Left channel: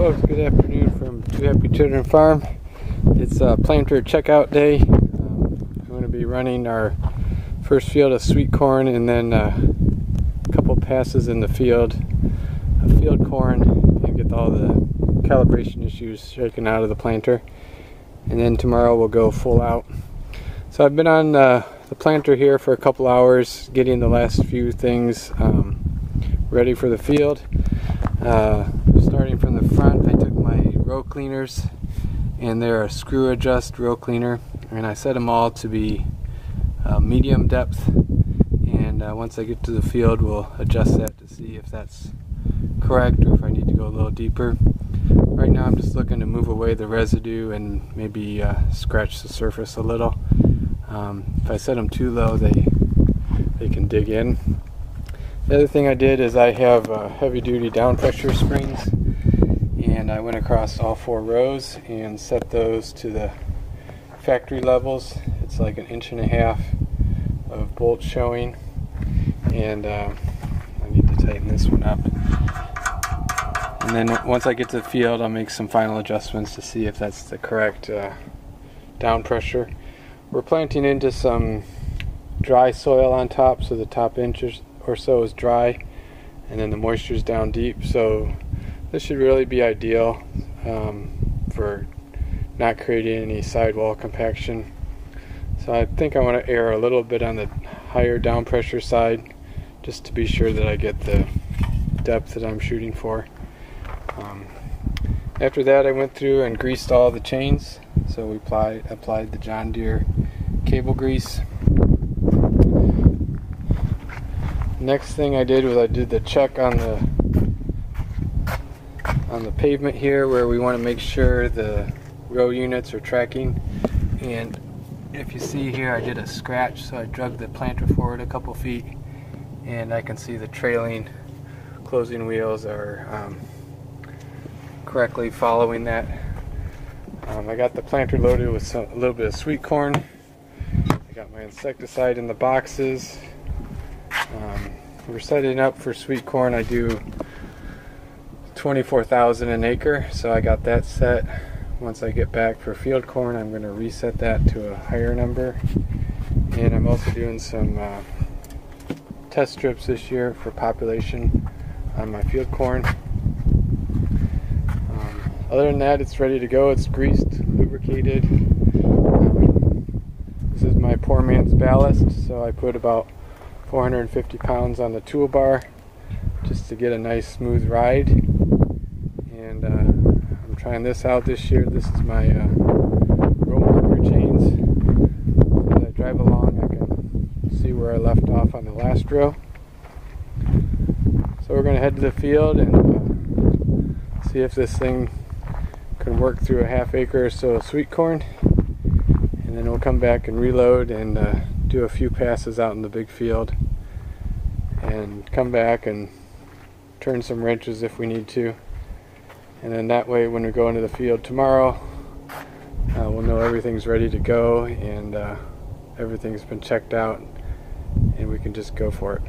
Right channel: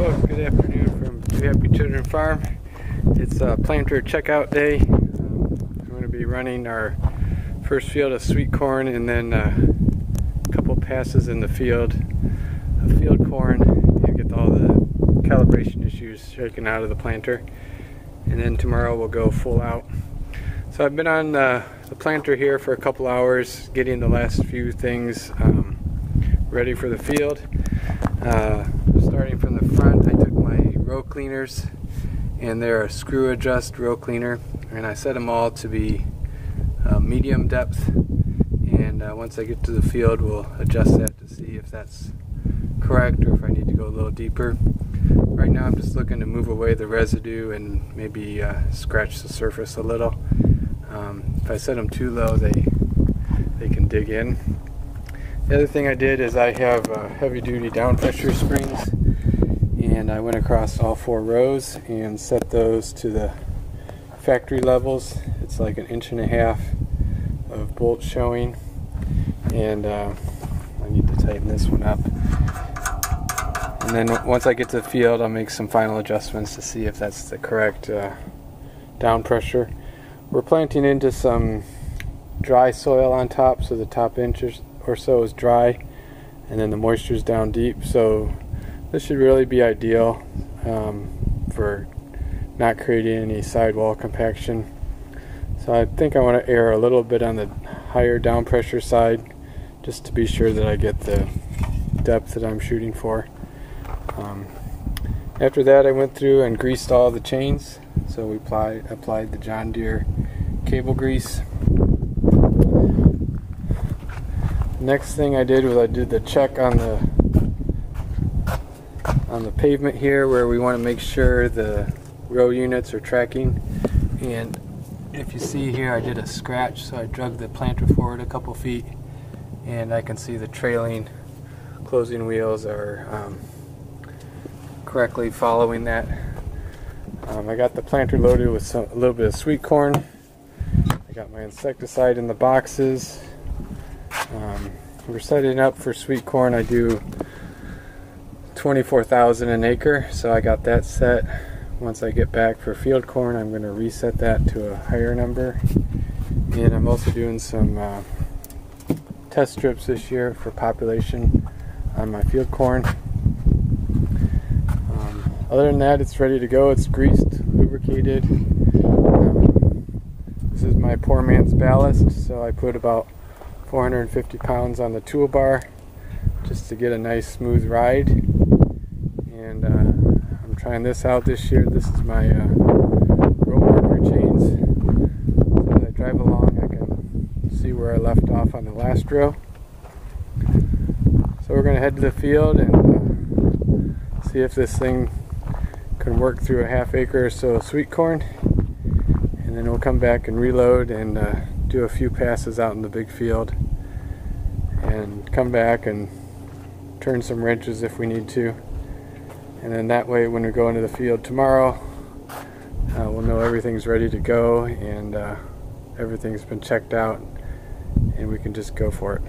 folks, good afternoon from Two Happy Children Farm. It's planter checkout day. I'm going to be running our first field of sweet corn and then a couple passes in the field of field corn and get all the calibration issues shaken out of the planter. And then tomorrow we'll go full out. So I've been on the planter here for a couple hours getting the last few things ready for the field. Starting from the front, I took my row cleaners, and they're a screw adjust row cleaner, and I set them all to be medium depth, and once I get to the field we'll adjust that to see if that's correct or if I need to go a little deeper. Right now I'm just looking to move away the residue and maybe scratch the surface a little. If I set them too low they can dig in. The other thing I did is I have heavy duty down pressure springs, and I went across all 4 rows and set those to the factory levels. It's like 1.5 inches of bolts showing, and I need to tighten this one up. And then once I get to the field I'll make some final adjustments to see if that's the correct down pressure. We're planting into some dry soil on top, so the top inch or so is dry and then the moisture is down deep, so this should really be ideal for not creating any sidewall compaction. So I think I want to err a little bit on the higher down pressure side just to be sure that I get the depth that I'm shooting for. After that I went through and greased all the chains, so we applied the John Deere cable grease. Next thing I did was I did the check on the pavement here, where we want to make sure the row units are tracking. And if you see here, I did a scratch, so I drug the planter forward a couple feet, and I can see the trailing closing wheels are correctly following that. I got the planter loaded with a little bit of sweet corn. I got my insecticide in the boxes. We're setting up for sweet corn. I do 24,000 an acre, so I got that set. Once I get back for field corn, I'm going to reset that to a higher number. And I'm also doing some test strips this year for population on my field corn. Other than that, it's ready to go. It's greased, lubricated. This is my poor man's ballast, so I put about 450 pounds on the toolbar just to get a nice smooth ride. And I'm trying this out this year. This is my row marker chains. As I drive along I can see where I left off on the last row. So we're going to head to the field and see if this thing can work through a ½ acre or so of sweet corn, and then we'll come back and reload and do a few passes out in the big field and come back and turn some wrenches if we need to, and then that way when we go into the field tomorrow we'll know everything's ready to go and everything's been checked out and we can just go for it.